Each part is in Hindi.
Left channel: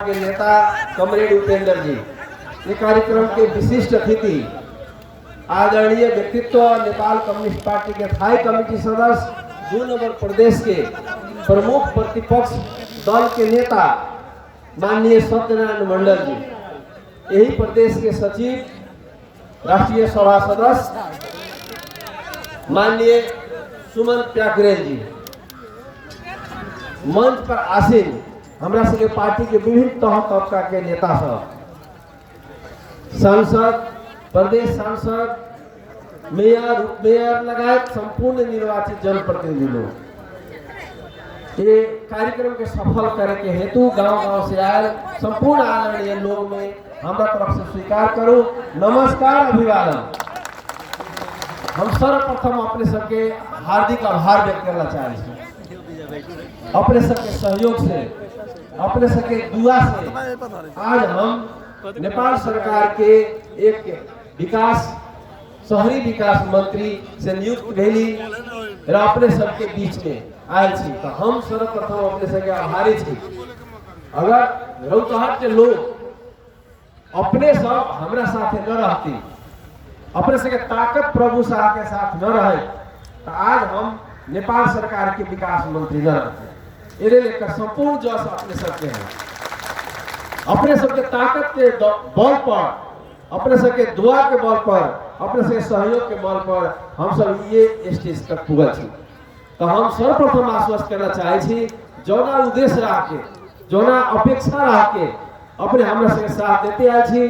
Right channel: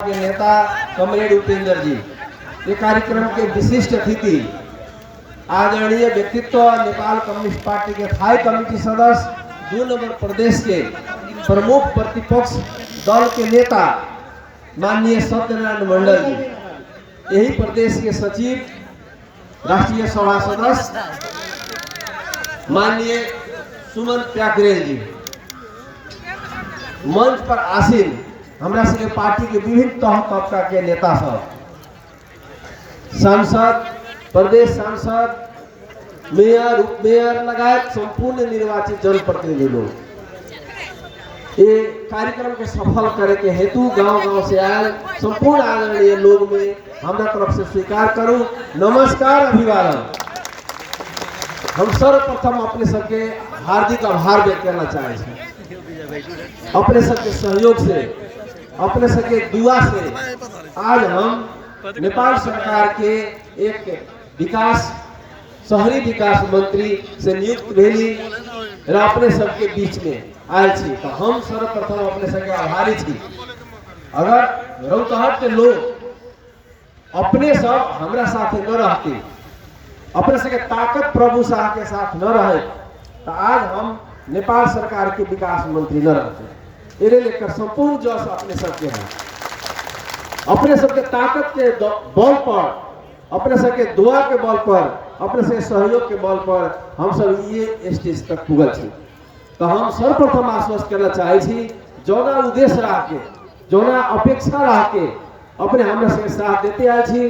के नेता कमरेड उपेंद्र जी, ये कार्यक्रम के विशिष्ट अतिथि आदरणीय व्यक्तित्व नेपाल कम्युनिस्ट पार्टी के थाई कमेटी सदस्य 2 नंबर प्रदेश के प्रमुख प्रतिपक्ष दल के नेता माननीय सत्यनारायण मंडल जी, यही प्रदेश के सचिव राष्ट्रीय सभा सदस्य माननीय सुमन प्याकरेल जी, मंच पर आसीन हमरा सबके पार्टी के विभिन्न तह तबका के नेता सब, सांसद, प्रदेश सांसद, मेयर, उप मेयर लगायत संपूर्ण निर्वाचित जनप्रतिनिधि लोग ये कार्यक्रम के सफल करे के हेतु गांव-गांव से आयल संपूर्ण आदरणीय लोग में हमरा तरफ से स्वीकार करूं नमस्कार, अभिवादन। हम सर्वप्रथम अपने सबके हार्दिक आभार व्यक्त करना चाहे हैं। अपने सबके सहयोग से, अपने सबके दुआ से आज हम नेपाल सरकार के एक विकास शहरी विकास मंत्री से नियुक्त भेली और अपने सबके बीच में आयल छी। तो हम सर्वप्रथम अपने सबके आभारी छी। अगर रौतहट के लोग अपने सब हमरा साथे न रहती, अपने सबके ताकत प्रभु शाह के साथ न रहे तो आज हम नेपाल सरकार के विकास मंत्री न रहते। इन्हें लेकर संपूर्ण जो अपने सबके हैं, अपने सबके ताकत के बल पर, अपने सबके दुआ के बल पर, अपने सबके सहयोग के बल पर हम सब ये स्टेज तक पुगल छी। तो हम सर्वप्रथम आश्वस्त करना चाहे छी, जौना उद्देश्य रह के, जौना अपेक्षा रह के अपने हमरा सबके साथ देते आए छी,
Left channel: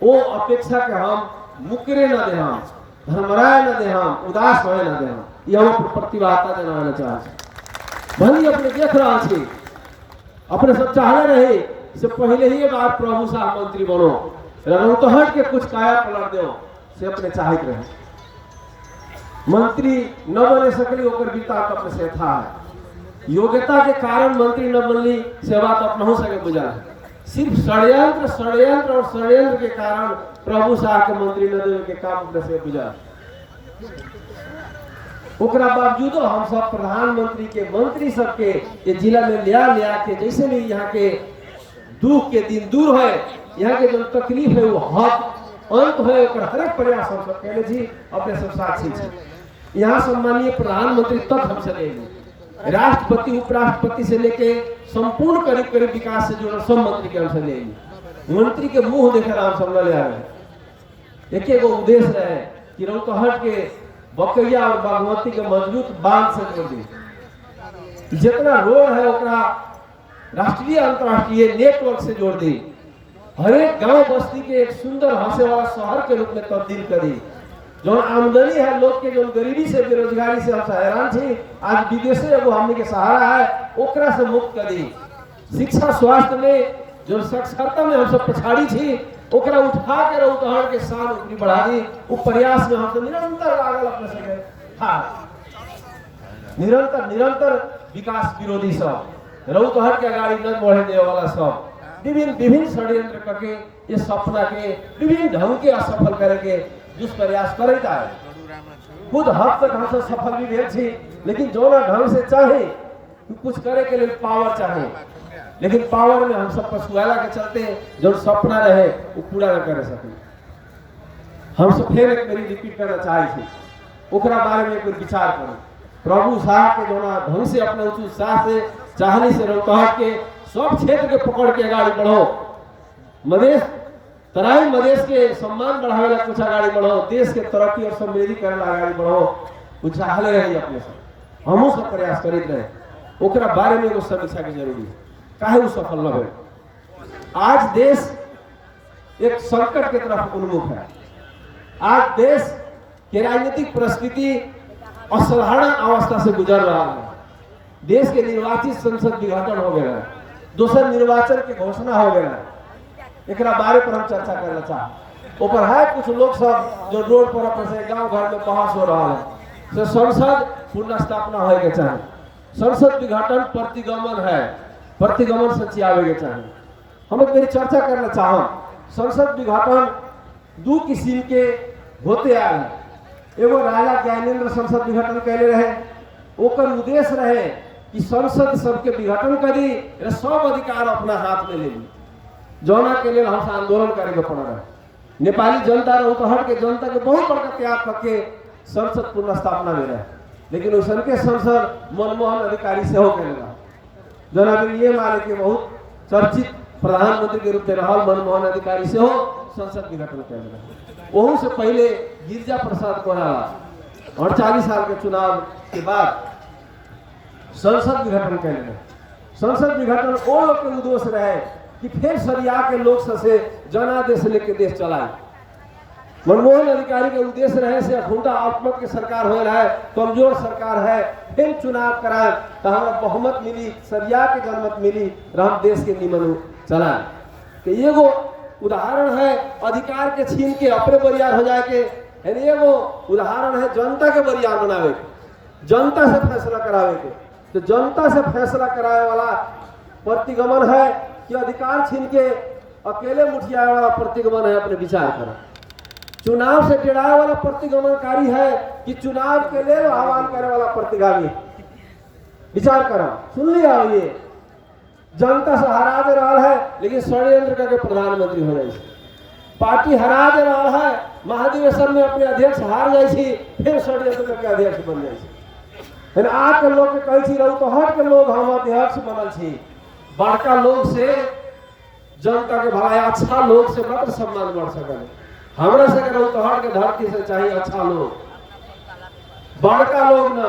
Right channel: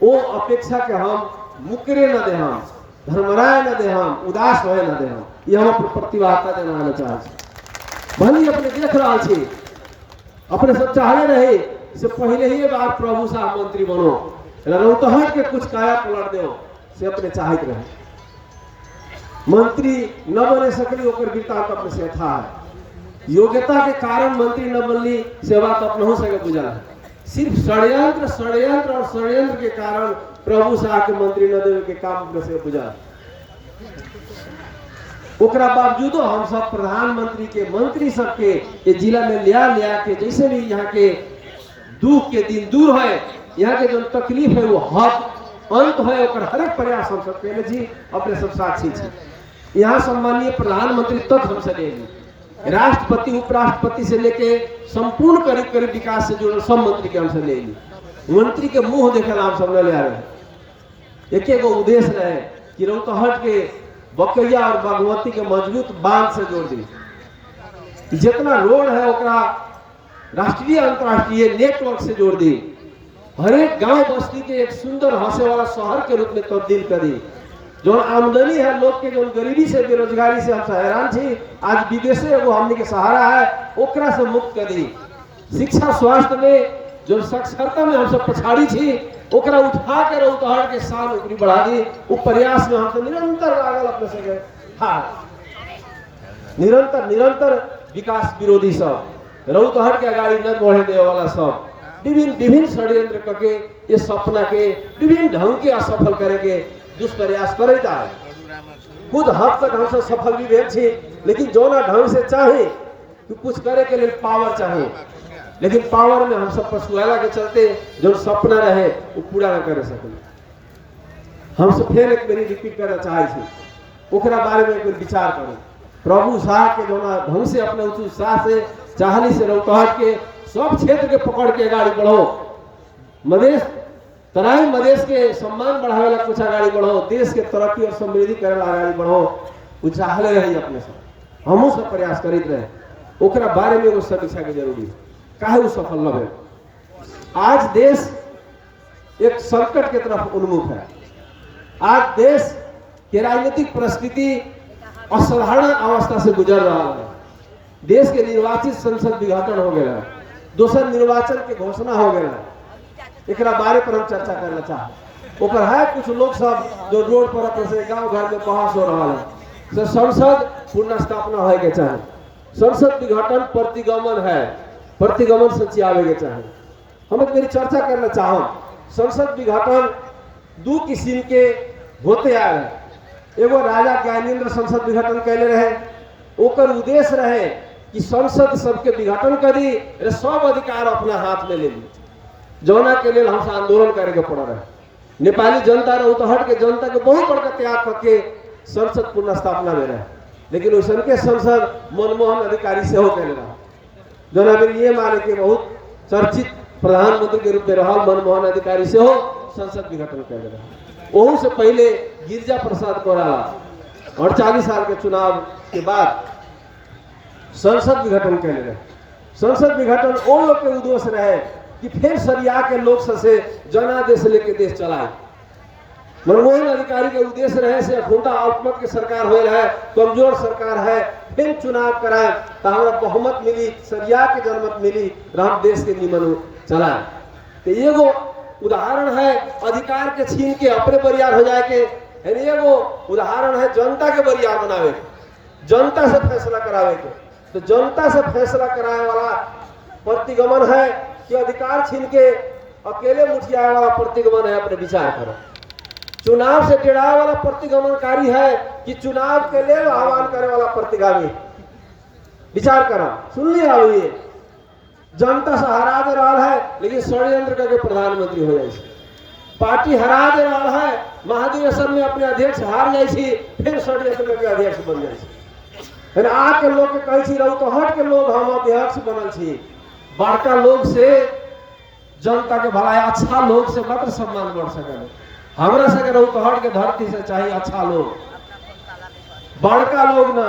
वो अपेक्षा के हम मुकरे न दे, हम धर्मराय न दे, हम उदास होए न दे, ये हम अपन प्रतिबद्धता देना चाहे छी। भली अपने देख रहा छी, अपने सब चाहले रहे से पहले ही बार प्रभु शाह मंत्री बनो, रौतहट के कुछ काया पलट दो से अपने चाहत रहे। मंत्री न बने सकली ओकर वृत्तांत अपने से था, योग्यता के कारण मंत्री न बनली से बात अपने हो सके बुझल। सिर्फ षड्यंत्र और षड्यंत्र के कारण प्रभु शाह के मंत्री न देवे के काम अपने से बुझल। ओकरा बावजूद हम सब प्रधानमंत्री के मंत्री सबके ये जिला में लिया के जैसे भी यहाँ के दुख के दिन दूर है, यहाँ के जो तकलीफ है वो हद अंत है, ओकर हर एक प्रयास हम सब कहले जी, अपने सब साक्षी छी। यहाँ सम्मानीय प्रधानमंत्री तक हम से लेंगे, राष्ट्रपति उपराष्ट्रपति से लेके संपूर्ण करीब करीब विकास से जुड़े सब मंत्री के हम से लेंगे। मंत्री के मुंह देखे हम सब ले रहे एक एगो उद्देश्य रहे कि रौतहट के बकैया और बागमती के मजबूत बांध से जोड़ दी, जितना रोड है ओकरा राष्ट्रीय अंतर्राष्ट्रीय नेटवर्क से जोड़ दी, हर एक गांव बस्ती के एक सुंदर हंसे वाला शहर के रूप में तब्दील कर दी। जो आमदनी है लोग के, जो गरीबी से बेरोजगारी से हम हैरान थी, आज विदेश में वो हमने के सहारा है, ओकरा से मुक्त कर दी। शिक्षा स्वास्थ्य में जो साक्षरता में हम सब पछाड़ी थी, ओकरा उठा के रौतहट के साल ऊपरी बढ़ा दी। वो प्रयास में हम निरंतर लागल अपने सके, हाँ निरंतर विकास विरोधी सब, रौतहट के गाड़ी न बढ़े दे वाला सब विभिन्न षड्यंत्र करके ये सपना के विभिन्न ढंग के असफल करे के दुष्प्रयास करता है। खुद हद तक हम सब सफल भी भेल छी, लेकिन जो ना ढंग से चाहे कि कुछ करे के लिए पावर चाहिए, लेकिन पावर में हम सब पछुआला के चलते जो सपना रहे वो पूरा न कर सके। हम सब फिर एक बारी रिपीट करना चाहे छी, ओकरा बारे में कोई विचार करो। प्रभु शाह के जो ना ढंग से अपने उच्च उत्साह से चाहने से रौतहट के सब क्षेत्र के पकड़ के गाड़ी बढ़ो, मधेश तराई मधेश के सम्मान बढ़ावे ला कुछ आगाड़ी बढ़ो, देश के तरक्की और समृद्धि करे ला आगाड़ी बढ़ो, वो चाहले रही अपने सब, हमहू सब प्रयास करित रहे। ओकरा बारे में वो समीक्षा के जरूरी है, काहे वो सफल न भइल। आज देश एक संकट के तरफ उन्मुख है। आज देश के राजनीतिक परिस्थिति असाधारण अवस्था से गुजर रहा है। देश के निर्वाचित संसद विघटन हो गया, दूसरे निर्वाचन के घोषणा हो गया, एक बारे पर हम चर्चा करना चाहते। ऊपर है कुछ लोग सब जो रोड पर अपने से गांव घर में बहस हो रहा है, संसद पुनः स्थापना होए के चाहे, संसद विघटन प्रतिगमन है, प्रतिगमन से आवे के चाहे। हम मेरी चर्चा करना चाहम, संसद विघटन दो किस्म के होते आए। एगो राजा ज्ञानेंद्र संसद विघटन कैले रहे, ओकर उद्देश्य रहे कि संसद सबके विघटन करी, सब अधिकार अपना हाथ में ले ली, जौना के लिए हम आंदोलन करे के पड़ रहा है। नेपाली जनता रौतहट के जनता के बहुत बड़का त्याग करके संसद पुनर्स्थापना में रहे, लेकिन उसन के संसद मनमोहन अधिकारी से हो गए, जौना फिर ये माने के बहुत चर्चित प्रधानमंत्री के रूप में रहल मनमोहन अधिकारी से हो संसद विघटन कर रहा। वहू से पहले गिरिजा प्रसाद कोइराला 48 साल के चुनाव के बाद संसद विघटन कर रहे। संसद विघटन वो लोग के उद्देश्य रहे कि फिर सरिया के लोग से जनादेश लेके देश चलाए। मनमोहन अधिकारी के उद्देश्य रहे से अखुंता अल्पमत के सरकार हो रहा है, कमजोर सरकार है, फिर चुनाव कराए तो हमारा बहुमत मिली, सरिया के जनमत मिली, हम देश के निमन चलाए। तो एगो उदाहरण है अधिकार के छीन के अपने बरियार हो जाए के, एगो उदाहरण है जनता के बरियार बनावे, जनता से फैसला करावे के। तो जनता से फैसला कराए वाला प्रतिगमन है कि अधिकार छीन के अकेले मुठियाए वाला प्रतिगमन है अपने विचार करो। चुनाव से टेढ़ाए वाला प्रतिगमनकारी है कि चुनाव के लिए आह्वान करे वाला प्रतिगामी। विचार करो, सुन लिया ये जनता से हरा दे रहा है, लेकिन षड्यंत्र करके प्रधानमंत्री हो जाए, पार्टी हरा दे रहा है, महाधिवेशन में अपने अध्यक्ष हार जाए, फिर षड्यंत्र करके अध्यक्ष बन जाए। आके लोग के कही रौतहट के लोग हम अध्यक्ष बनल छी, बड़का लोग से जनता के भलाई, अच्छा लोग से मात्र सम्मान बढ़ सके। हमरा से रौतहट के धरती से चाहिए अच्छा लोग, बड़का लोग ना।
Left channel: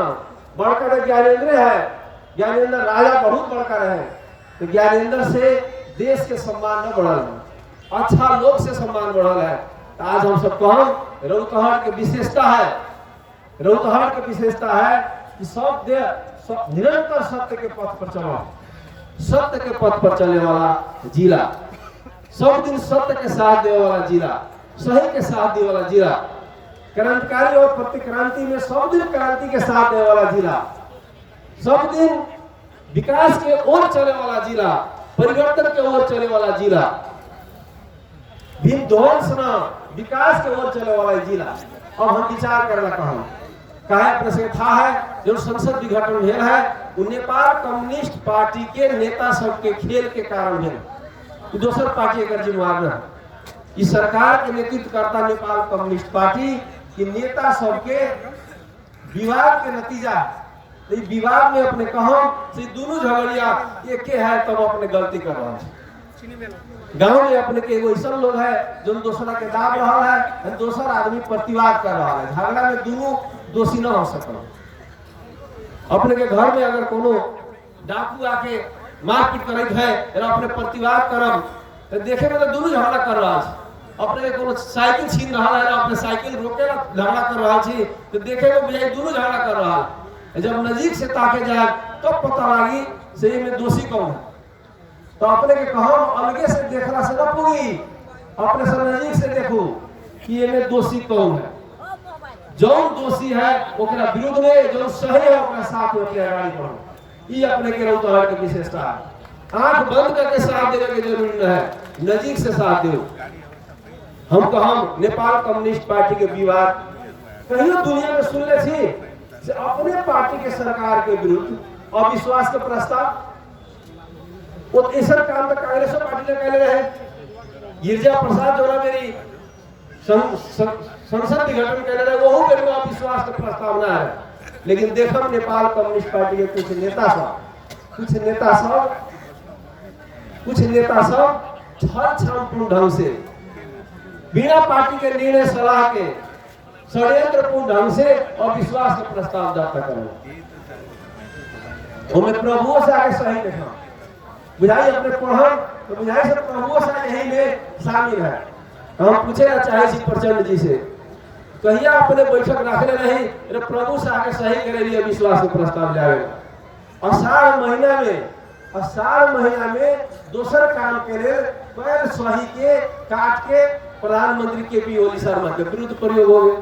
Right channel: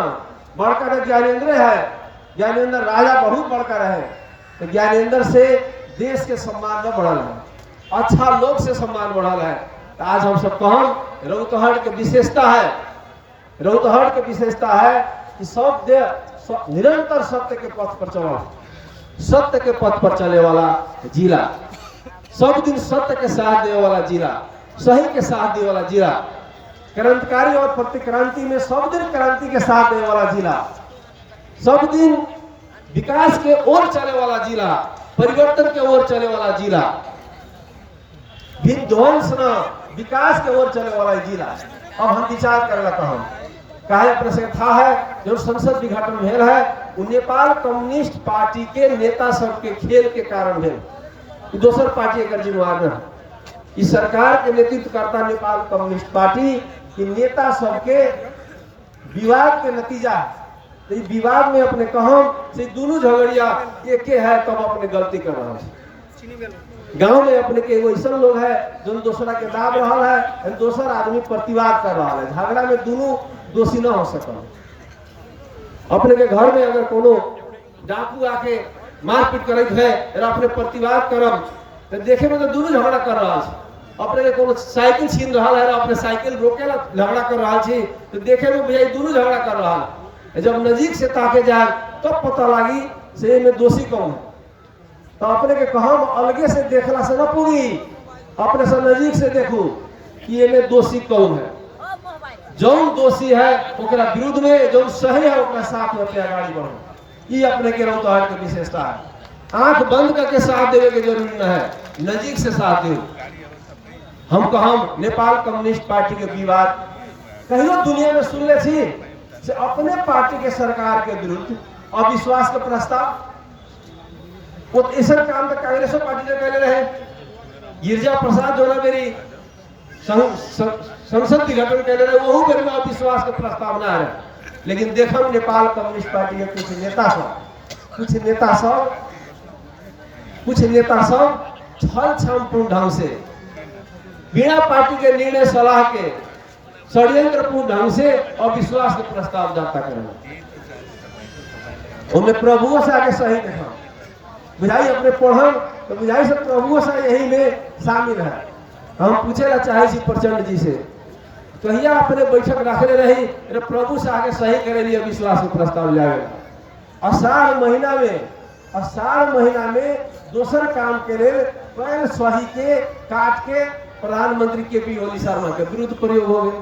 बड़का के ज्ञानेंद्र है, ज्ञानेंद्र राजा बहुत बड़का रहे, तो ज्ञानेंद्र से देश के सम्मान न बढ़ल, अच्छा लोग से सम्मान बढ़ल है। तो आज हम सब कहम रौतहट के विशेषता है, रौतहट के विशेषता है कि सब निरंतर सत्य के पथ पर चलो, सत्य के पथ पर चले वाला जिला, सब दिन सत्य के साथ दे वाला जिला, सही के साथ दे वाला जिला, क्रांतिकारी और प्रतिक्रांति में सब दिन क्रांति के साथ दे वाला जिला, सब दिन विकास के ओर चले वाला जिला, परिवर्तन के ओर चले वाला जिला, विध्वंस न विकास के ओर चले वाला जिला। अब हम विचार करना कहम काहे अपने से था है जो संसद विघटन भेल है, वो नेपाल कम्युनिस्ट पार्टी के नेता सब के खेल के कारण भेल, दोसर पार्टी एक जिम्मेवार न। इस सरकार के नेतृत्व करता नेपाल कम्युनिस्ट पार्टी की नेता सबके विवाद के नतीजा, तो विवाद में अपने कहम से दोनों झगड़िया एक है, तब अपने गलती कर रहा है। गांव में अपने के एगो ऐसा लोग है जो दूसरा के दाब रहा है, दूसर आदमी प्रतिवाद कर रहा है, झगड़ा में दोनों दोषी न हो सकल। अपने के घर में अगर कोनो डाकू आके मारपीट करत है और अपने प्रतिवाद करम, तो देखे में तो दोनों झगड़ा कर रहा है। अपने के कोनो साइकिल छीन रहा है और अपने साइकिल रोकेला झगड़ा कर रहा है, तो देखे में भैया दोनों झगड़ा कर रहा है। जब नजीक से ताके जाए तब तो पता लगी से में दोषी कौन है। तो अपने के कहब अलगे से देखला से न पूरी, अपने से नजीक से देखू कि ये में दोषी कौन है। जौन दोषी है ओकरा विरुद्ध में, जौन सही है ओकरा साथ में आगाड़ी बढ़ो। ये अपने के रौतहट के विशेषता है। आंख बंद करके साथ देने की जरूरी न है, नजीक से साथ दो। हम कहम नेपाल कम्युनिस्ट पार्टी के विवाद कहियो दुनिया में सुन ले छी से अपने पार्टी के सरकार के विरुद्ध अविश्वास का प्रस्ताव, वो ऐसा काम में कांग्रेस पार्टी ने पहले रहे। गिरिजा प्रसाद जो ना मेरी संसद विघटन कर रहे, वो मेरे में विश्वास का प्रस्तावना है। लेकिन देखो नेपाल कम्युनिस्ट पार्टी के कुछ नेता सब छल छलपूर्ण ढंग से बिना पार्टी के निर्णय सलाह के षड्यंत्रपूर्ण ढंग से अविश्वास का प्रस्ताव दर्ता करेंगे। हमें प्रभुओं से आगे सही देखा बुझाई, अपने पढ़ल तो बुझाई से प्रभुओं से यही में शामिल है। हम पूछे ना चाहे प्रचंड जी से कहिया अपने बैठक रखले रही, प्रभु से आगे सही करे लिए विश्वास के प्रस्ताव जाएगा। अषाढ़ महीना में दोसर काम के लिए पहले सही के काट के प्रधानमंत्री के पी ओली शर्मा के विरुद्ध प्रयोग हो गए।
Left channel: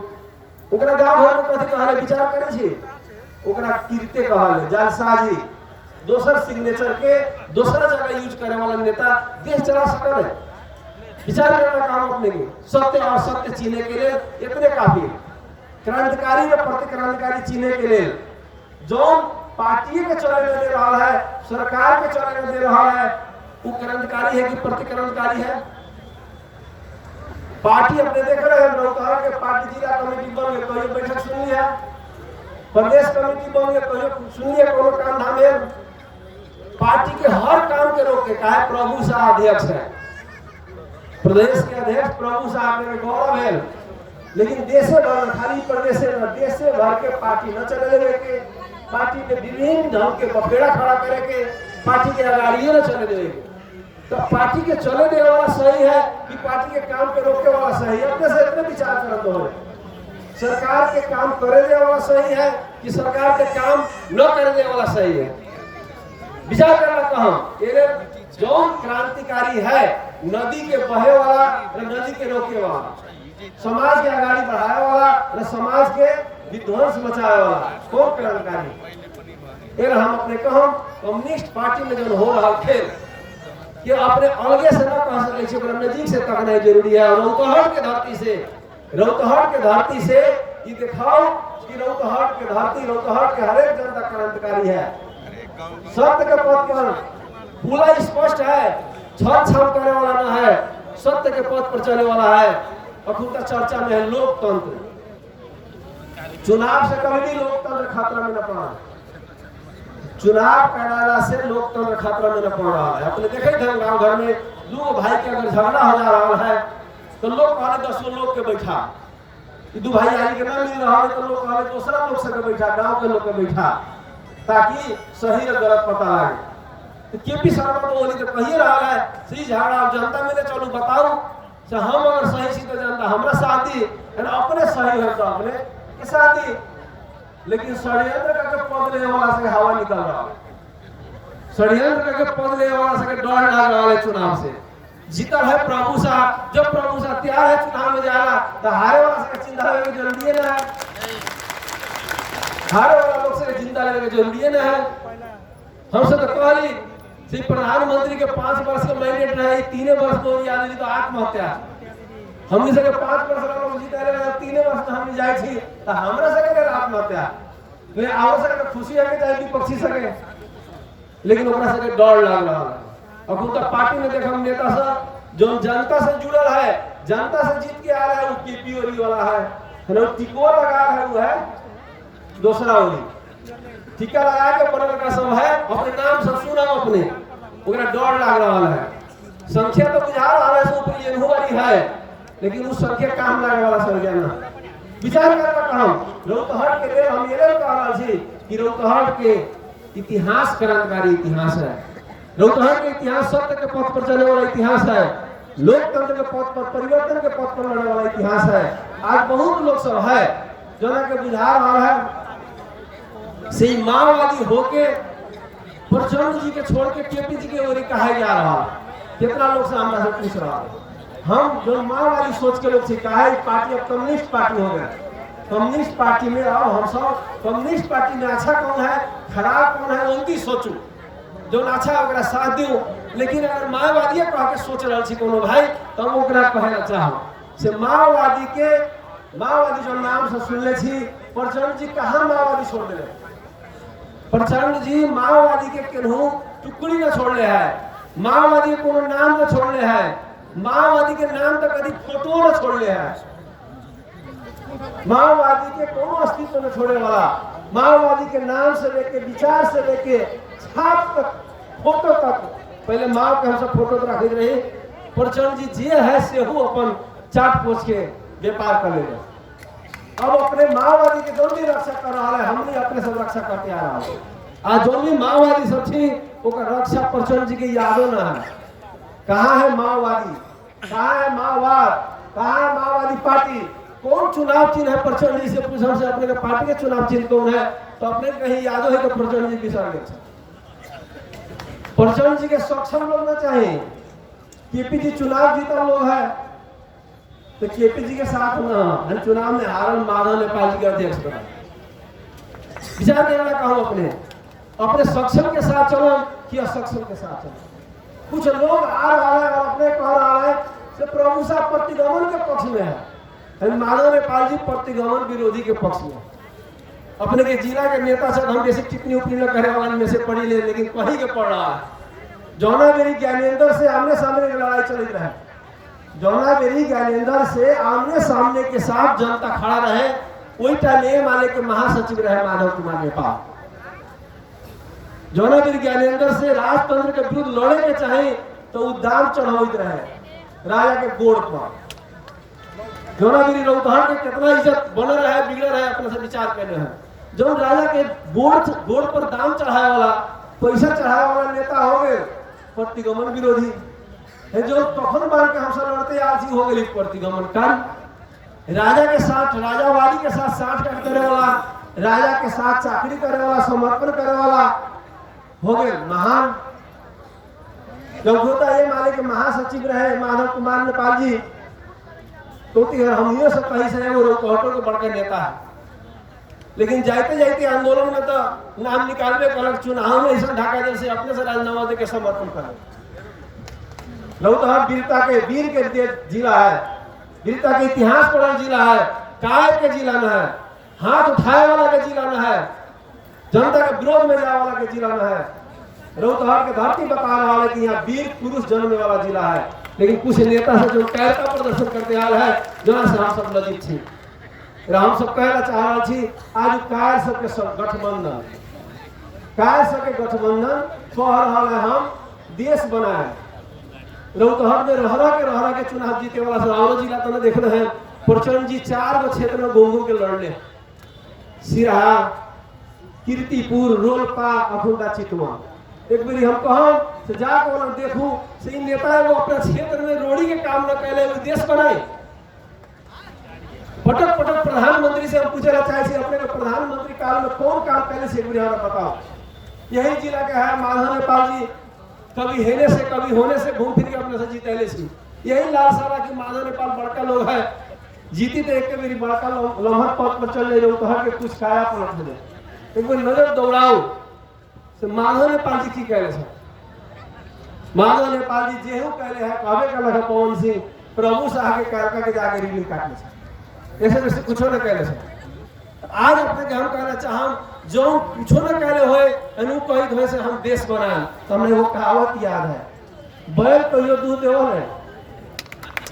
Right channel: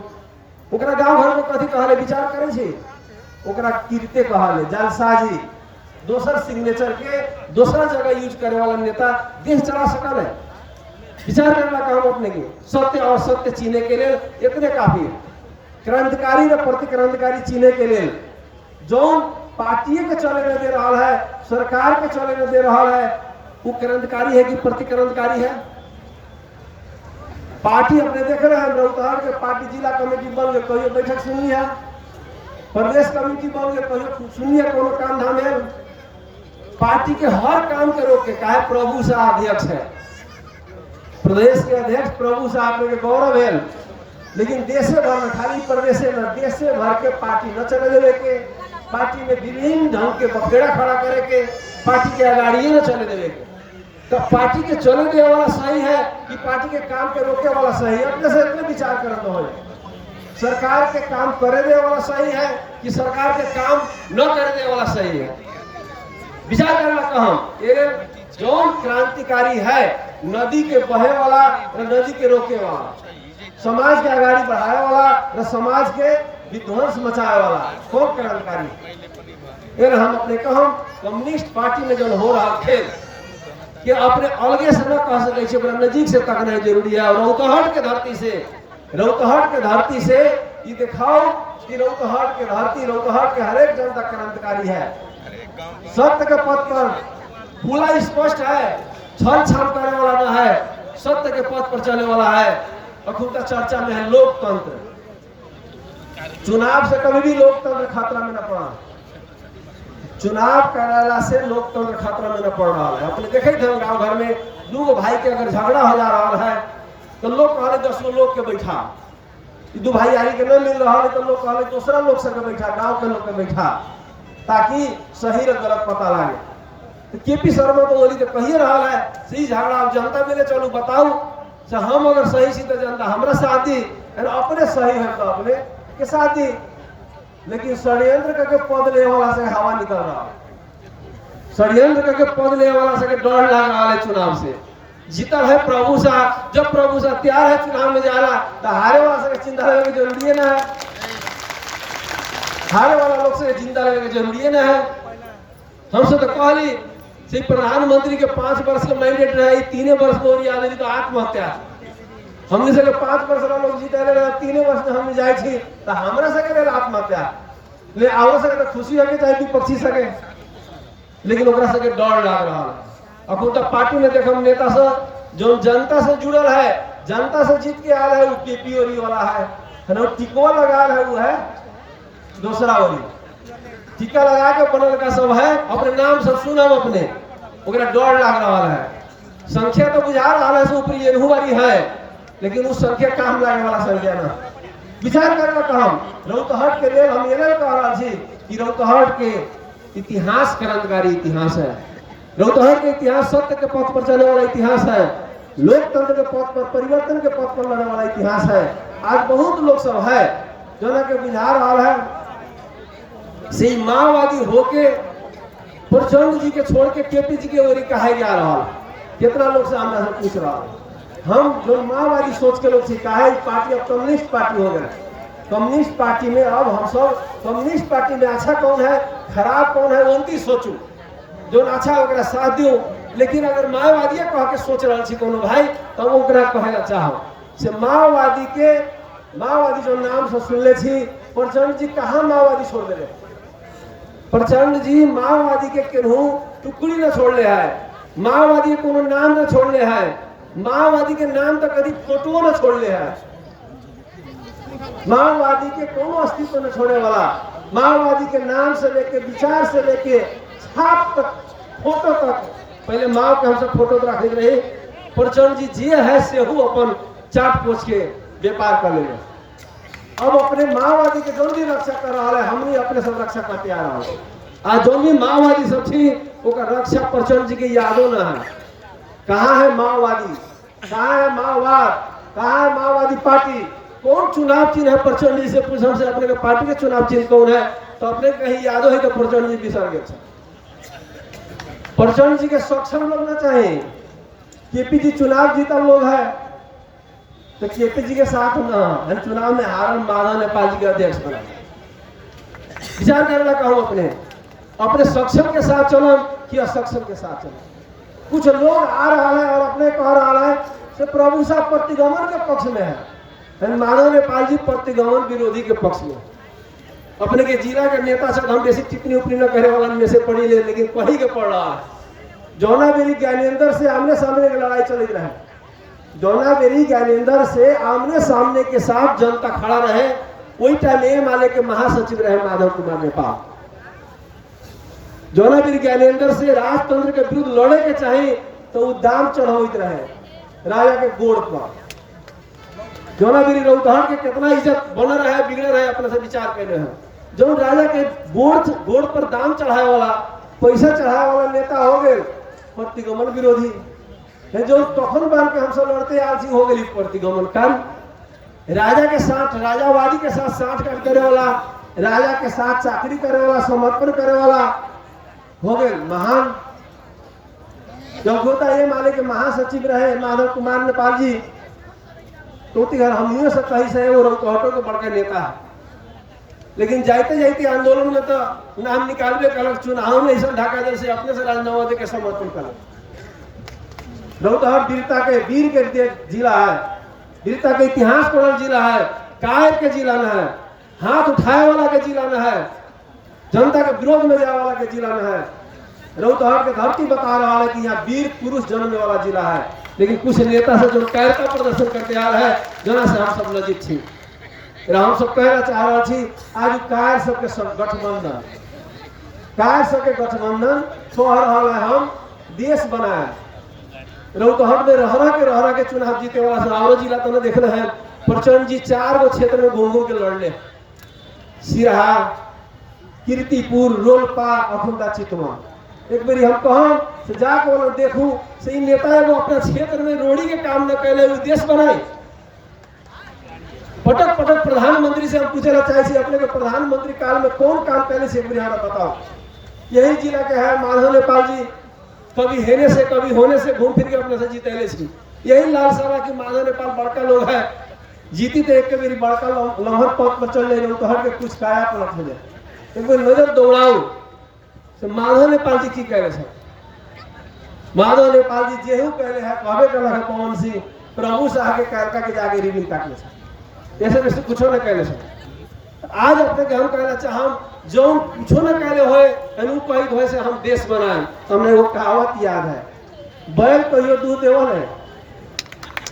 ओकरा गांव घर में कथी कहले विचार करे छी, ओकरा कीर्ते कहले जालसाजी, दोसर सिग्नेचर के दूसरा जगह यूज करे वाला नेता देश चला सकल है। विचार करना काम अपने के सत्य और सत्य चीने के लिए इतने काफी क्रांतिकारी व प्रतिक्रांतिकारी चीने के लिए जो पार्टी के चले में दे रहा है, सरकार के चले में दे रहा है, वो क्रांतिकारी है कि प्रतिक्रांतिकारी है? पार्टी अपने देख रहे हैं, रौतहट के पार्टी जिला कमेटी बन गए, कहियो बैठक सुनी है, प्रदेश कमेटी बन गए, कहियो सुनी है कोनो काम धाम है? पार्टी के हर काम के रोके का है प्रभु शाह अध्यक्ष है, प्रदेश के अध्यक्ष प्रभु शाह के गौरव है, लेकिन देशे भर खाली प्रदेश में देशे भर के पार्टी न चले देवे के, पार्टी में विभिन्न ढंग के बखेड़ा खड़ा करे के, पार्टी के अगाड़िए न चले देवे के। तो पार्टी के चले देने वाला सही है कि पार्टी के काम पे रोके वाला सही है? अपने से इतने विचार करते हुए सरकार के काम करे दे वाला सही है कि सरकार के काम न करे दे वाला सही है? विचार करना कहा जौन क्रांतिकारी है, नदी के बहे वाला और नदी के रोके वाला, समाज के आगाड़ी बढ़ाए वाला और समाज के विध्वंस मचाए वाला कौन क्रांतिकारी? हम अपने कहम कम्युनिस्ट पार्टी में जो हो रहा थे कि अपने अलगे से न कह सके, नजीक से तकना जरूरी है। रौतहट के धरती से ये दिखाओ कि रौतहट के धरती, रौतहट के हरेक जनता क्रांतिकारी है, सत्य के पथ पर पूरा स्पष्ट है, छल छल करने वाला ना है, सत्य के पथ पर चलने वाला है। अखुनता चर्चा में है लोकतंत्र, चुनाव से कभी भी लोकतंत्र खतरा में न पड़ा, चुनाव कराला से लोकतंत्र खतरा में न पड़ रहा है। अपने देखे थे गांव घर में दो भाई के अगर झगड़ा हो जा रहा है तो लोग कहले 10 लोग के बैठा, दो भाई यारी के न मिल रहा है तो लोग कहले दूसरा लोग से बैठा, गांव के लोग के बैठा, ताकि सही और गलत पता लगे। तो केपी शर्मा तो बोली तो कही रहा है सही झगड़ा अब जनता में चलो बताओ, हम अगर सही सी तो जनता हमारा साथ दी, अपने सही है तो अपने के साथ दी, लेकिन षड्यंत्र करके पद ले वाला से हवा निकल रहा है, षड्यंत्र करके पद ले वाला से डर लग रहा है चुनाव से। जीता है प्रभु शाह, जब प्रभु शाह तैयार है चुनाव में जाना तो हारे वाला से चिंता करने की जरूरी है ना है, हारे वाला लोग से चिंता करने की जरूरी है ना है। हमसे तो कहली सिर्फ प्रधानमंत्री के 5 वर्ष के मैंडेट रहे, 3 वर्ष को याद नहीं तो आत्महत्या, हमने से 5 वर्ष लोग जीते रहे, 3 वर्ष में हम जाए थी तो हमरा से करे आत्महत्या ले आओ सके खुशी हमें चाहे विपक्षी सके, लेकिन ओकरा सके डर लग रहा है। अब तो पार्टी में देखो नेता से जो जनता से जुड़ल है, जनता से जीत के आ रहा है, वो केपी ओरी वाला है ना, टिकवा लगा है, वो है दूसरा ओरी टीका लगा के बनल का सब है, अपने नाम सब सुना अपने ओकरा डर लग रहा है। संख्या तो बुझा रहा है से ऊपर ये वाली है, लेकिन उस संख्या काम लगे वाला संख्या ना विचार करना कहम। रौतहट के लिए हम ये कह रहा छी कि रौतहट के इतिहास क्रांतिकारी इतिहास है, रौतहट के इतिहास सत्य के पथ पर चलने वाला इतिहास है, लोकतंत्र के पथ पर, परिवर्तन के पथ पर बढ़ने वाला इतिहास है। आज बहुत लोग सब है जो के बुझा रहा है से माओवादी होके प्रचंड जी के छोड़ के केपी जी के ओरी कहा जा रहा है। कितना लोग से हमरा से पूछ रहा है, हम जो माओवादी सोच के लोग सीखा है पार्टी अब कम्युनिस्ट पार्टी हो गए, कम्युनिस्ट पार्टी में अब हम सब कम्युनिस्ट पार्टी में अच्छा कौन है खराब कौन है उनकी सोचू, जो अच्छा ओकरा साथ दियो। लेकिन अगर माओवादी कह के सोच रहा छी कोनो भाई तो हम ओकरा कहेला चाहो से माओवादी जो नाम से सुनले छी, प्रचंड जी कहाँ माओवादी छोड़ दे, प्रचंड जी माओवादी के केनहू टुकड़ी न छोड़ले है, माओवादी को नाम न छोड़ले है, माओवादी के नाम तक कभी फोटो न छोड़ले है, माओवादी के कोनो अस्तित्व न छोड़ने वाला, माओवादी के नाम से लेके विचार से लेके छाप तक फोटो तक, पहले माओ के हमसे फोटो तो रख रहे, प्रचंड जी जे है से हो अपन चाट पोछ के व्यापार कर ले। अब अपने माओवादी के जो भी रक्षा कर रहा है, हम ही अपने सब रक्षा करते आ रहा है। आज जो भी माओवादी सब थी ओकर रक्षा प्रचंड जी के यादों न है। कहाँ है माओवादी, कहाँ है माओवाद, कहाँ है माओवादी पार्टी, कौन चुनाव चिन्ह है प्रचंड जी से पूछ, हमसे अपने के पार्टी के चुनाव चिन्ह कौन है तो अपने कहीं यादों है तो प्रचंड जी बिसर गए। प्रचंड जी के सक्षम लोग न चाहिए, केपी जी चुनाव जीता लोग है तो केपी जी के साथ न चुनाव में हारन माधव नेपाल जी के अध्यक्ष बना। विचार करना कहूँ अपने सक्षम के साथ चलो कि असक्षम के साथ चलो। कुछ लोग आ रहा है और अपने कह रहा है से प्रभु साहब प्रतिगमन के पक्ष में है, माधव नेपाल जी प्रतिगमन विरोधी के पक्ष में। अपने के जिला के नेता से हम बेसी टिप्पणी उपनी न करे वाला में से पढ़ी ले, लेकिन कहीं के पढ़ रहा है। जौना बेरी ज्ञानेंद्र से आमने सामने की लड़ाई चल रही है। जौना बेरी ज्ञानेंद्र से आमने सामने के साथ जनता खड़ा रहे, वही टाइम ए माले के महासचिव रहे माधव कुमार नेपाल। जौना बेरी ज्ञानेंद्र से राजतंत्र के विरुद्ध लड़े के चाहे तो वो दाम चढ़ावित रहे राजा के गोड़ पर। जौना बेरी रौतहट के कितना इज्जत बन रहा है, बिगड़ रहा है, अपने से विचार कर रहे हैं। जो राजा के गोड़ पर दाम चढ़ाए वाला, पैसा चढ़ाए वाला नेता हो गए प्रतिगमन विरोधी है। जो तखन बार के हमसे लड़ते आलसी हो गई प्रतिगमन कर राजा के साथ, राजावादी के साथ साठ करे वाला, राजा के साथ चाकरी करे वाला, समर्पण करे वाला हो गए महान। जब होता ये माले के महासचिव रहे माधव कुमार नेपाल जी, तो हम सब कहीं से वो रौतहटों के बड़का नेता है। लेकिन जाते जाते आंदोलन में तो नाम निकालबे कलक, चुनाव में ऐसा ढाका जब से अपने से राजीनामा दे के समर्पण कलक। रौतहट वीरता के वीर के जिला है, वीरता के इतिहास पढ़ल जिला है, कायद के जिला न है, हाथ उठाए वाला के जिला न है, जनता के विरोध में जाए वाला के जिला न है। रौतहट के धरती बता रहा है कि यहाँ वीर पुरुष जन्म वाला जिला है। लेकिन कुछ नेता से जो कायरता प्रदर्शन करते आ रहा है, जना से हम सब लज्जित थी। हम सब कहना चाह रहा थी आज कायर सबके गठबंधन, कायर सबके गठबंधन कह रहा है हम देश बनाए। रौतहट में रहरा के चुनाव जीते वाला सरावरो जिला तो देख रहे हैं। प्रचंड जी 4 गो क्षेत्र में घूम के लड़ने, सिरहा, कीर्तिपुर, रोलपा, अखुंदा, चितवन। एक बारी हम कहूँ से जाके वो देखू से नेता वो अपना क्षेत्र में रोड़ी के काम न कैले, देश बनाए। पटक पटक प्रधानमंत्री से हम पूछना चाहे अपने के प्रधानमंत्री काल में कौन काम कैले से एक बारी हमें बताओ। यही जिला के है माधव नेपाल जी, कभी हेने से कभी होने से घूम फिर के अपने से जीतेले छी। यही लाल सारा की माधव नेपाल बड़का लोग है, जीती तो एक के बारी बड़का लम्हर पद पर चल जाए तो हर के कुछ काया पलट हो जाए। एक बार नजर दौड़ाओ तो माधव नेपाल जी की कह रहे। माधव नेपाल जी जेहू कहले है कहबे करना है पवन सिंह प्रभु साह के कैरका के जाके रिलीज काटले से ऐसे वैसे कुछ न कहले से। आज अपने के हम कहना चाहम जो कुछ न कहले होए अनुपहित होए से हम देश बनाए। हमने वो कहावत याद है, बैल कहियो दूध देवल है,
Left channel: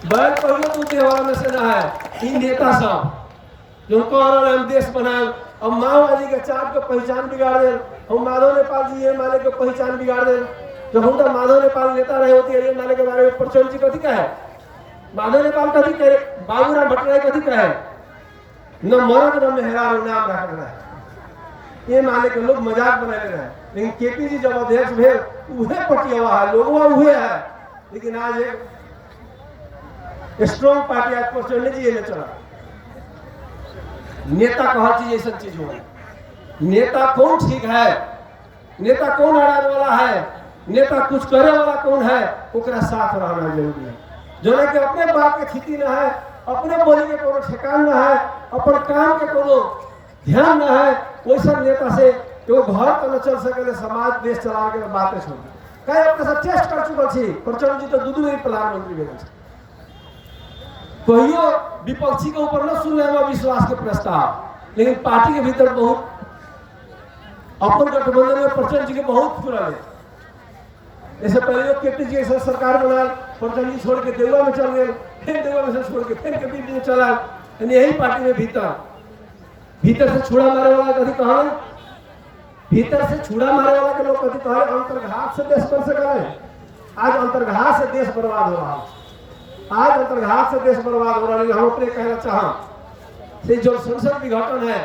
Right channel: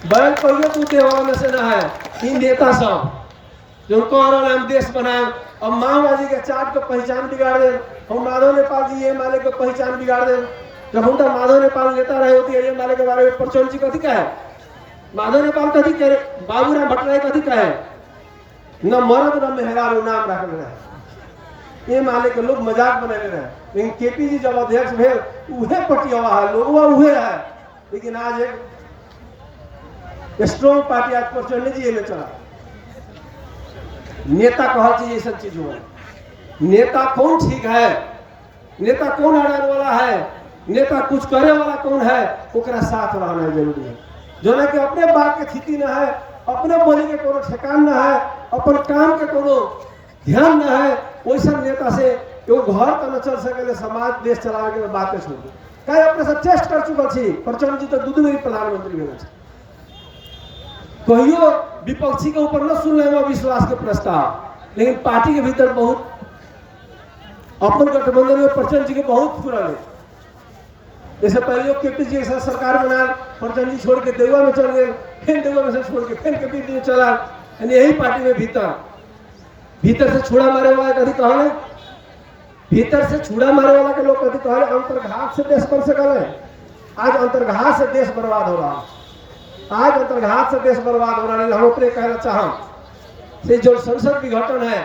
बैल कहियो दूध देवल में से ना है। इन नेता सब जो कह रहे हम देश बनाए, अब माओवादी के चाट को पहचान बिगाड़ दे, हम माधव नेपाल जी ये माले को पहचान बिगाड़ दे। जब हम तो माधव नेपाल नेता रहे होती है ये माले के बारे में प्रचंड जी कथी कहे, माधव नेपाल कथी कहे, बाबूराम भट्टराई कथी कहे, न मरद न मेहरान नाम रखल रहे। ये माले के लोग मजाक बना रहे हैं। लेकिन केपी जी जब अध्यक्ष भेल उहे पटियावा है, लोगवा उहे है। लेकिन आज एक स्ट्रॉन्ग पार्टी आज प्रचंड जी ने चला। नेता कहा चीज ऐसा चीज हुआ, नेता कौन ठीक है, नेता कौन अड़ाने वाला है, नेता कुछ करे वाला कौन है, ओकरा साथ रहना जरूरी है। जो ना कि अपने बात के खेती ना है, अपने बोली के कोनो ठेकान ना है, अपन काम के कोनो ध्यान ना है, वैसा नेता से वो घर तो न चल सके, समाज देश चलावे के बातें छोड़ कहीं अपने सब टेस्ट कर चुकल छी। प्रचंड जी तो दू बेरी प्रधानमंत्री बने, कहियो विपक्षी के ऊपर न सुनने में विश्वास के प्रस्ताव, लेकिन पार्टी के भीतर बहुत अपन गठबंधन में प्रचंड जी के बहुत फुरल है। जैसे पहले केपी जी ऐसा सरकार बनाए, प्रचंड जी छोड़ के देवा में चल गए, फिर देवा में से छोड़ के फिर केपी जी में चला। यही पार्टी में भीतर से छुड़ा मारे वाला कभी कहा, भीतर से छुड़ा मारे वाला के लोग कभी कहा अंतर्घात से देश बन सकल है। आज अंतर्घात से देश बर्बाद हो रहा है, आज अंतर्घात से देश बर्बाद हो रहा है। हम अपने कहना चाह जो संसद विघटन है,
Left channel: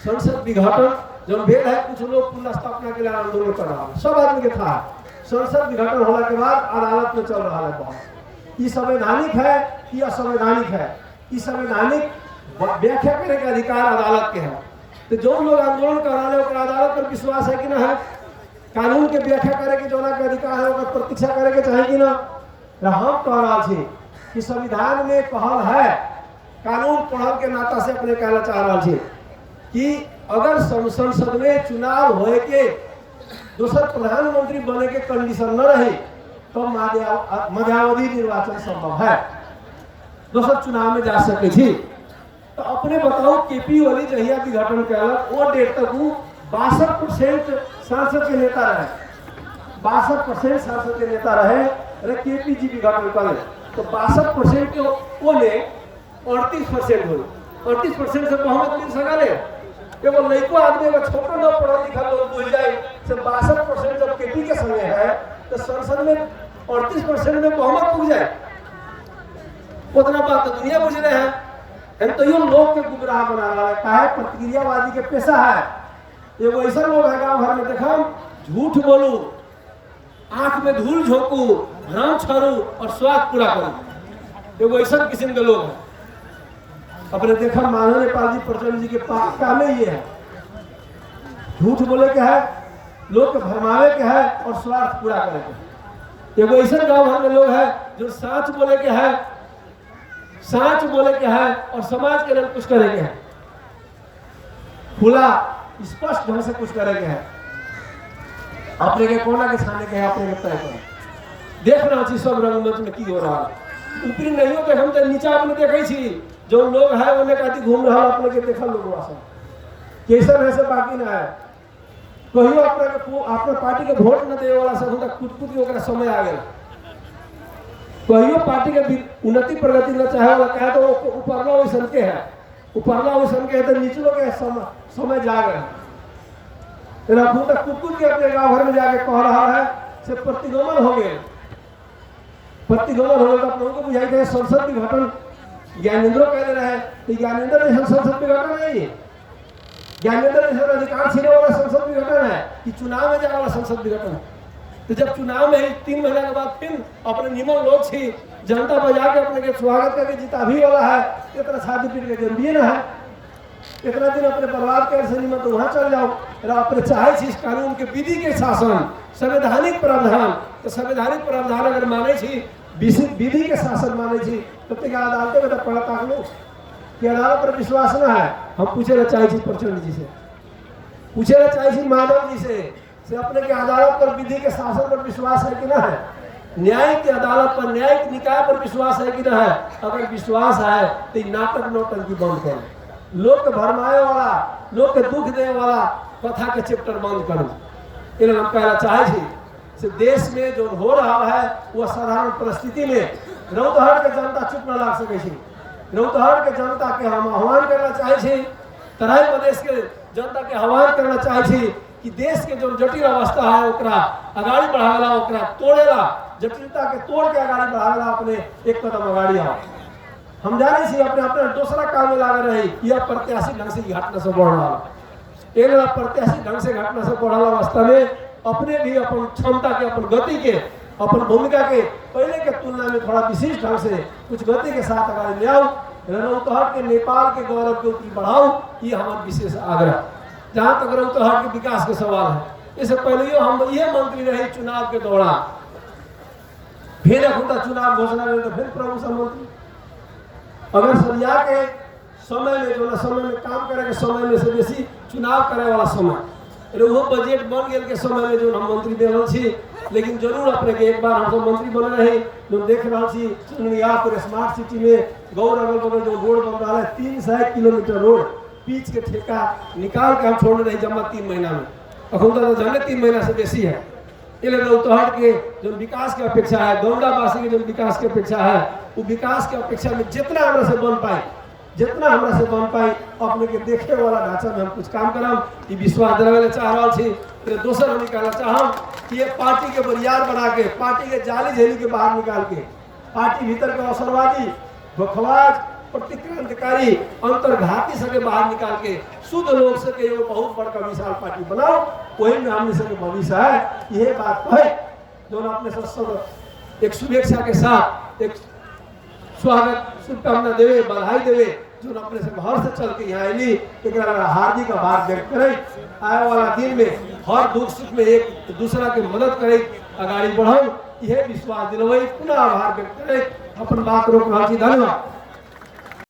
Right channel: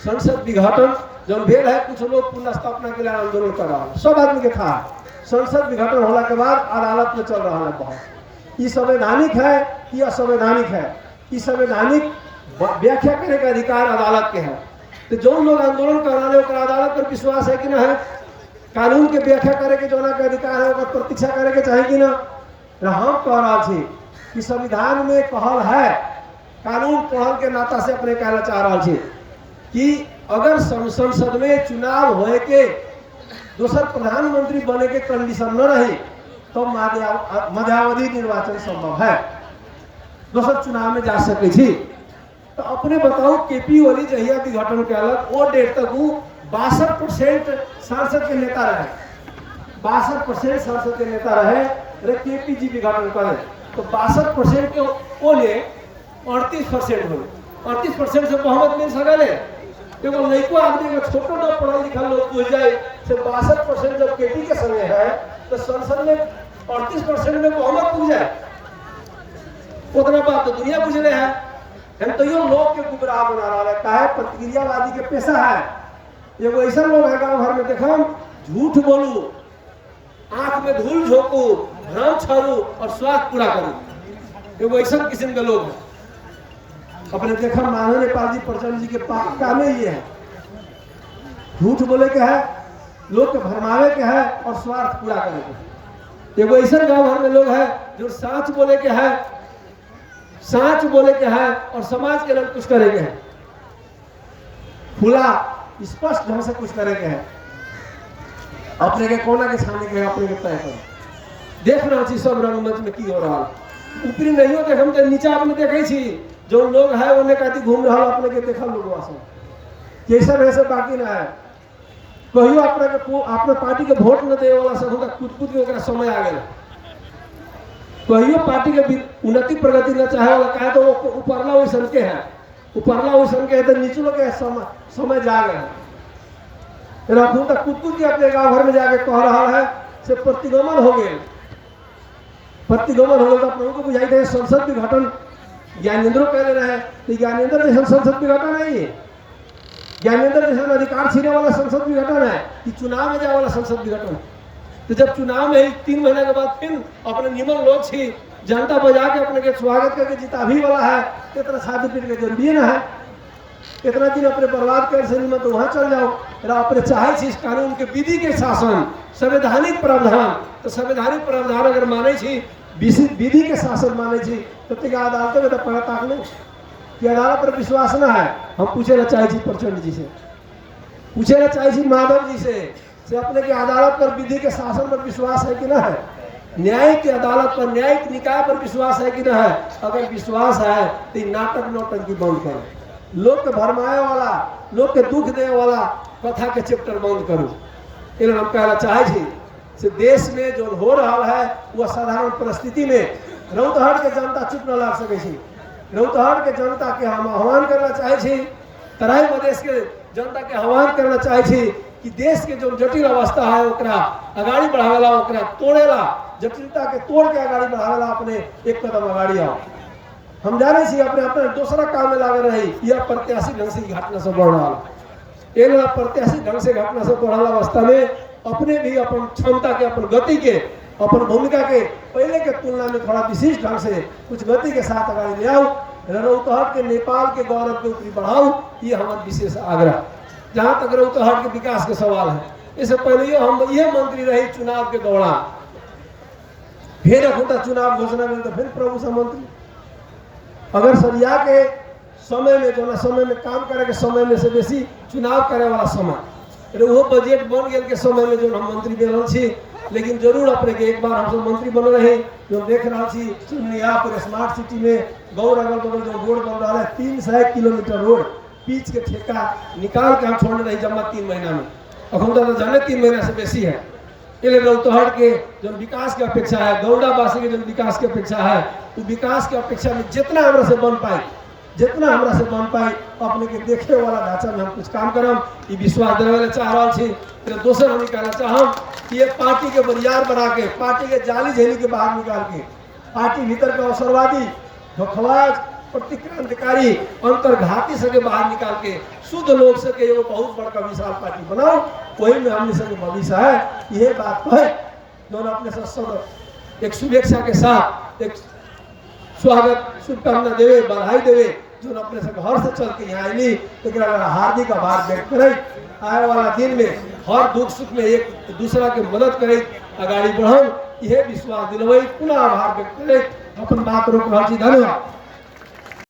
संसद विघटन जो भेल है, कुछ लोग पुनः स्थापना के लिए आंदोलन कर रहा है, सब आदमी के था। संसद विघटन होने के बाद अदालत में चल रहा है बहुत, ये संवैधानिक है कि असंवैधानिक है, ये संवैधानिक व्याख्या करने का अधिकार अदालत के है। तो जो लोग आंदोलन कर रहे हैं अदालत पर विश्वास है कि ना है, कानून के व्याख्या करे के जो ना के अधिकार है ओकर प्रतीक्षा करे के चाहे कि ना। हम कह रहा थी कि संविधान में कहल है, कानून पढ़ल के नाता से अपने कहना चाह रहा थी कि अगर संसद में चुनाव होए के दूसर प्रधानमंत्री बने के कंडीशन न रही तो मध्यावधि निर्वाचन संभव है, दूसर चुनाव में जा सके थी। तो अपने बताओ केपी ओली जहिया विघटन कैलक वो डेट तक 62% सांसद के नेता रहे, 62% सांसद के नेता रहे। अरे केपी जी विघटन करे तो 62% के ओले 38% हो, 38% से बहुमत मिल सका है। देखो लड़को आदमी का छोटा ना पढ़ा लिखा लोग बुझ जाए से 62% जब केपी के संगे है तो संसद में 38% में बहुमत पुग जाए। उतना बात तो दुनिया बुझ रहे हैं। तो ये लोग के गुमराह बना रहा है, कहा प्रतिक्रियावादी के पेशा है। ये वो ऐसा लोग है गांव भर में देखा झूठ बोलू, आंख में धूल झोंकू, भ्रम छोड़ू और स्वाद पूरा करूं, ये वो ऐसा किस्म के लोग हैं। अपने देखा माननीय नेपाल जी प्रचंड जी के काम में ये है, झूठ बोले के है, लोग के भरमावे के है और स्वार्थ पूरा करे के। ये वो ऐसा गांव भर में लोग है जो सच बोले के है, सच बोले के है और समाज के लिए कुछ करेंगे है, खुला स्पष्ट ढंग से कुछ करेंगे है। अपने के कोना के छाने के अपने के तय कर देख रहा छी सब रंगमंच में की हो रहा है। ऊपरी नहीं हो देख हम तो नीचा अपने देखे छी जो लोग है उन्हें कहती घूम रहा अपने के देखा लोग वासा कैसा वैसे बाकी ना है। कहियो अपने पार्टी के वोट न दे वाला सब कुछ के समय आ गया। कहियो पार्टी के उन्नति प्रगति न चाहे वाला कहे तो ऊपरला वही सन के है, ऊपरला वही सन के है तो निचलो के समय जा गए। रखू तक कुछ के अपने गाँव घर में जाके कह रहा है से प्रतिगमन हो गए, प्रतिगमन हो गए तो अपने को बुझाई दे संसद विघटन ज्ञानेंद्र कह रहे हैं तो ज्ञानेंद्र जैसा संसद विघटन है। ये ज्ञानेंद्र जैसा अधिकार छीने वाला संसद विघटन है कि चुनाव में जाने वाला संसद विघटन। तो जब चुनाव में 3 महीना के बाद फिर अपने निमन लोग थी जनता बजा के अपने के स्वागत करके जिता भी वाला है, इतना शादी पीट के जन्म ना है, इतना दिन अपने बर्बाद कर से निमन तो वहां चल जाओ। अपने चाहे इस कानून के विधि के शासन संवैधानिक प्रावधान, तो संवैधानिक प्रावधान अगर माने छी विधि के शासन माने छी तो अदालत में तो पढ़ा ताक लो कि अदालत पर विश्वास न है। हम पूछे ला चाहे प्रचंड जी से, पूछे ला चाहे माधव जी से अपने के अदालत पर विधि के शासन पर विश्वास है कि ना है, न्यायिक की अदालत पर न्यायिक निकाय पर विश्वास है कि ना है। अगर विश्वास है तो नाटक नौटंकी बंद करो, लोग के भरमाए वाला, लोग के दुख देने वाला कथा के चैप्टर बंद करो। इन हम कहना चाहे से देश में जो हो रहा है वह साधारण परिस्थिति में रौतहट के जनता चुप न ला सके। रौतहट के जनता के हम आह्वान करना चाहे, तराई प्रदेश के जनता के आह्वान करना चाहे कि देश के जो जटिल अवस्था है ओकरा आगाड़ी बढ़ावेला, ओकरा तोड़ेला, जटिलता के तोड़ के आगाड़ी बढ़ावेला अपने एक कदम आगाड़ी आओ। हम जाने से अपने अपने दूसरा काम में लगा रहे यह प्रत्याशी ढंग से घटना से बढ़ रहा है। प्रत्याशी ढंग से घटना से बढ़ रहा अवस्था में अपने भी अपन क्षमता के, अपन गति के, अपन भूमिका के पहले के तुलना में थोड़ा विशिष्ट ढंग से कुछ गति के साथ आगे ले आओ। रौतहट के नेपाल के गौरव के ऊपरी बढ़ाओ, ये हमारा विशेष आग्रह। जहाँ तक रौतहट के विकास के सवाल है, इससे पहले हम ये मंत्री रहे चुनाव के दौरान, फिर चुनाव घोषणा में तो फिर प्रभु सा मंत्री। अगर सरिया के समय में जो ना समय में काम करे के समय में से बेसी चुनाव करे वाला समय वो बजट बन गए के समय में जो हम मंत्री बनल छी, लेकिन जरूर अपने के एक बार हम सब मंत्री बने रहे जो देख रहा छी पूरे स्मार्ट सिटी में गौर अगल बगल जो रोड बन रहा है 300 किलोमीटर रोड पीच के ठेका निकाल के हम छोड़ रहे जमा 3 महीना में। अखुदा तो जने 3 महीना से बेसी है। इसलिए रौतहट के जो विकास की अपेक्षा है, गौड़ावासी के जो विकास की अपेक्षा है, वो विकास की अपेक्षा में जितना हमरा से बन पाए, जितना हमरा से बन पाए अपने के देखे वाला ढांचा में हम कुछ काम करम, ये विश्वास दिलावे ला चाह रहा छी। फिर दोसर हम कहना चाहम कि ये पार्टी के बरियार बना के, पार्टी के जाली झेली के बाहर निकाल के, पार्टी भीतर का अवसरवादी, धोखबाज, प्रतिक्रांतिकारी, अंतर्घाती से बाहर निकाल के शुद्ध लोग से के बहुत बड़का विशाल पार्टी बनाओ। वही में हमने सब भविष्य है। ये बात है दोनों अपने सब एक शुभेच्छा के साथ एक स्वागत शुभकामना देवे, बधाई देवे जो अपने से घर से चल के यहाँ आईली, लेकिन हार्दिक आभार व्यक्त करे। आने वाला दिन में हर दुख सुख में एक दूसरा के मदद करे, आगाड़ी बढ़ाओ, यह विश्वास दिलवाई, पुनः आभार व्यक्त करे। अपन बात रोक रहा। धन्यवाद।